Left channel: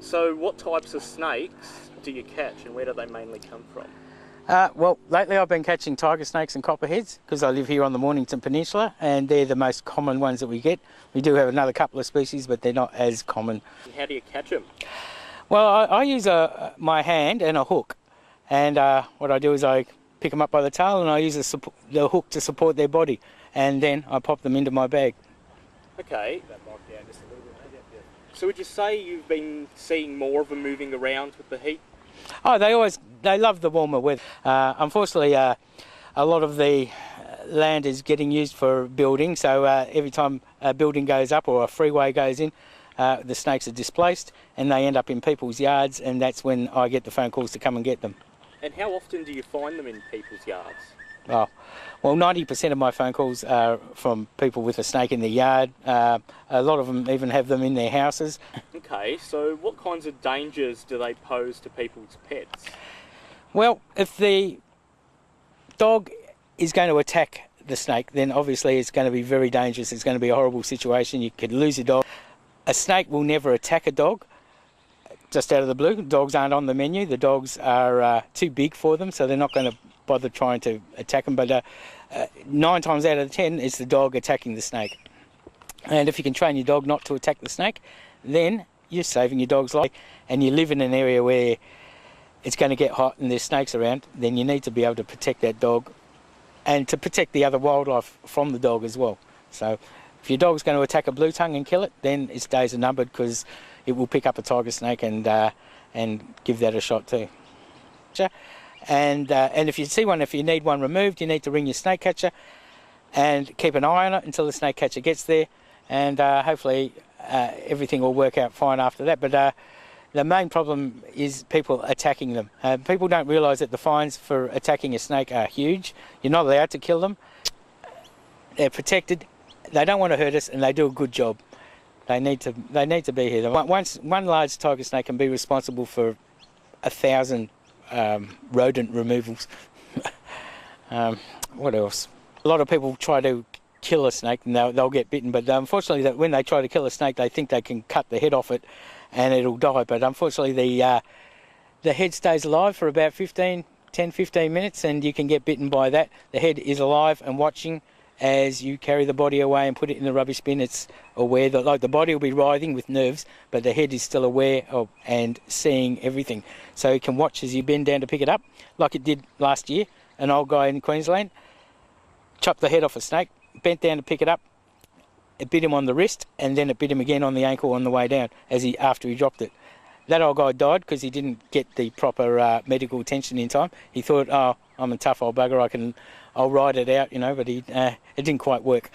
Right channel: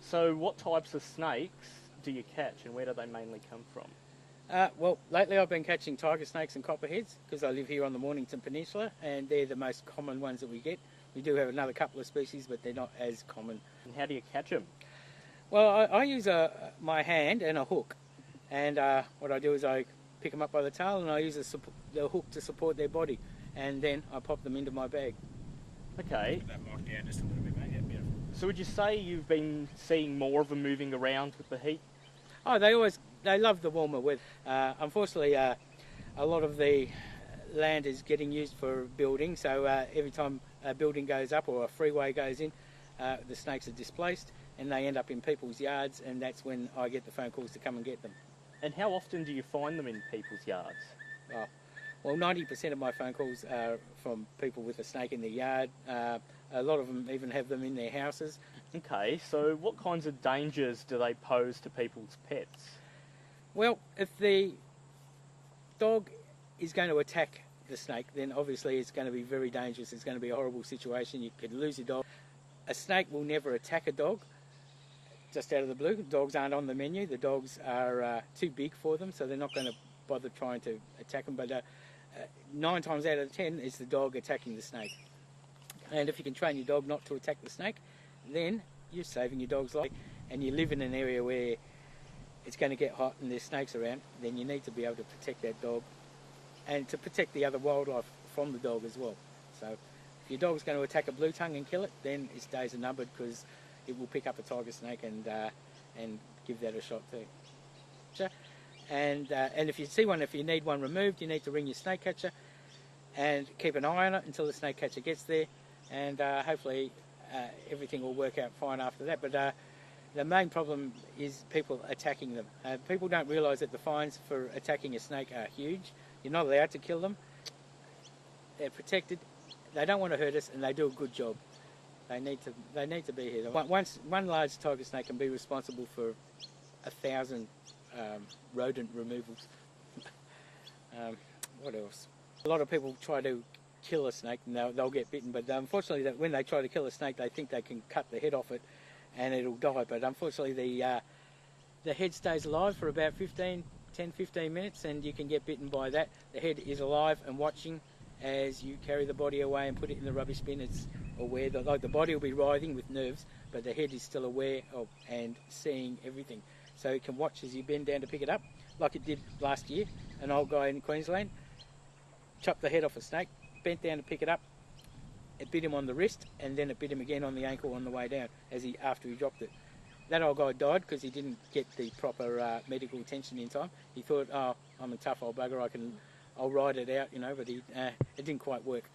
So what types of snakes do you catch and where do they mainly come from? Well, lately I've been catching tiger snakes and copperheads because I live here on the Mornington Peninsula, and they're the most common ones that we get. We do have another couple of species, but they're not as common. And how do you catch them? Well, I use my hand and a hook, and what I do is I pick them up by the tail and I use the hook to support their body, and then I pop them into my bag. Okay. So would you say you've been seeing more of them moving around with the heat? Oh, they love the warmer weather. Unfortunately, a lot of the land is getting used for building, so every time a building goes up or a freeway goes in, the snakes are displaced and they end up in people's yards, and that's when I get the phone calls to come and get them. And how often do you find them in people's yards? Oh, well, 90% of my phone calls are from people with a snake in their yard. A lot of them even have them in their houses. Okay, so what kinds of dangers do they pose to people's pets? Well, if the dog is going to attack the snake, then obviously it's going to be very dangerous. It's going to be a horrible situation. You could lose your dog. A snake will never attack a dog just out of the blue. Dogs aren't on the menu. The dogs are too big for them, so they're not going to bother trying to attack them. But 9 times out of 10 it's the dog attacking the snake. And if you can train your dog not to attack the snake, then you're saving your dog's life. And you live in an area where it's going to get hot and there's snakes around, then you need to be able to protect that dog and to protect the other wildlife from the dog as well. So if your dog's going to attack a blue tongue and kill it, then its days are numbered, because it will pick up a tiger snake and give that a shot too. And if you see one, if you need one removed, you need to ring your snake catcher and keep an eye on it until the snake catcher gets there, and hopefully everything will work out fine after that. But the main problem is people attacking them. People don't realise that the fines for attacking a snake are huge. You're not allowed to kill them. They're protected. They don't want to hurt us, and they do a good job. They need to be here. One large tiger snake can be responsible for 1,000 rodent removals. What else? A lot of people try to kill a snake and they'll get bitten, but unfortunately when they try to kill a snake, they think they can cut the head off it and it'll die. But unfortunately the head stays alive for about 10-15 minutes, and you can get bitten by that. The head is alive and watching as you carry the body away and put it in the rubbish bin. It's aware that, like, the body will be writhing with nerves, but the head is still aware of and seeing everything. So it can watch as you bend down to pick it up, like it did last year. An old guy in Queensland chopped the head off a snake, bent down to pick it up. It bit him on the wrist, and then it bit him again on the ankle on the way down after he dropped it. That old guy died because he didn't get the proper medical attention in time. He thought, oh, I'm a tough old bugger, I'll ride it out, you know, but it didn't quite work.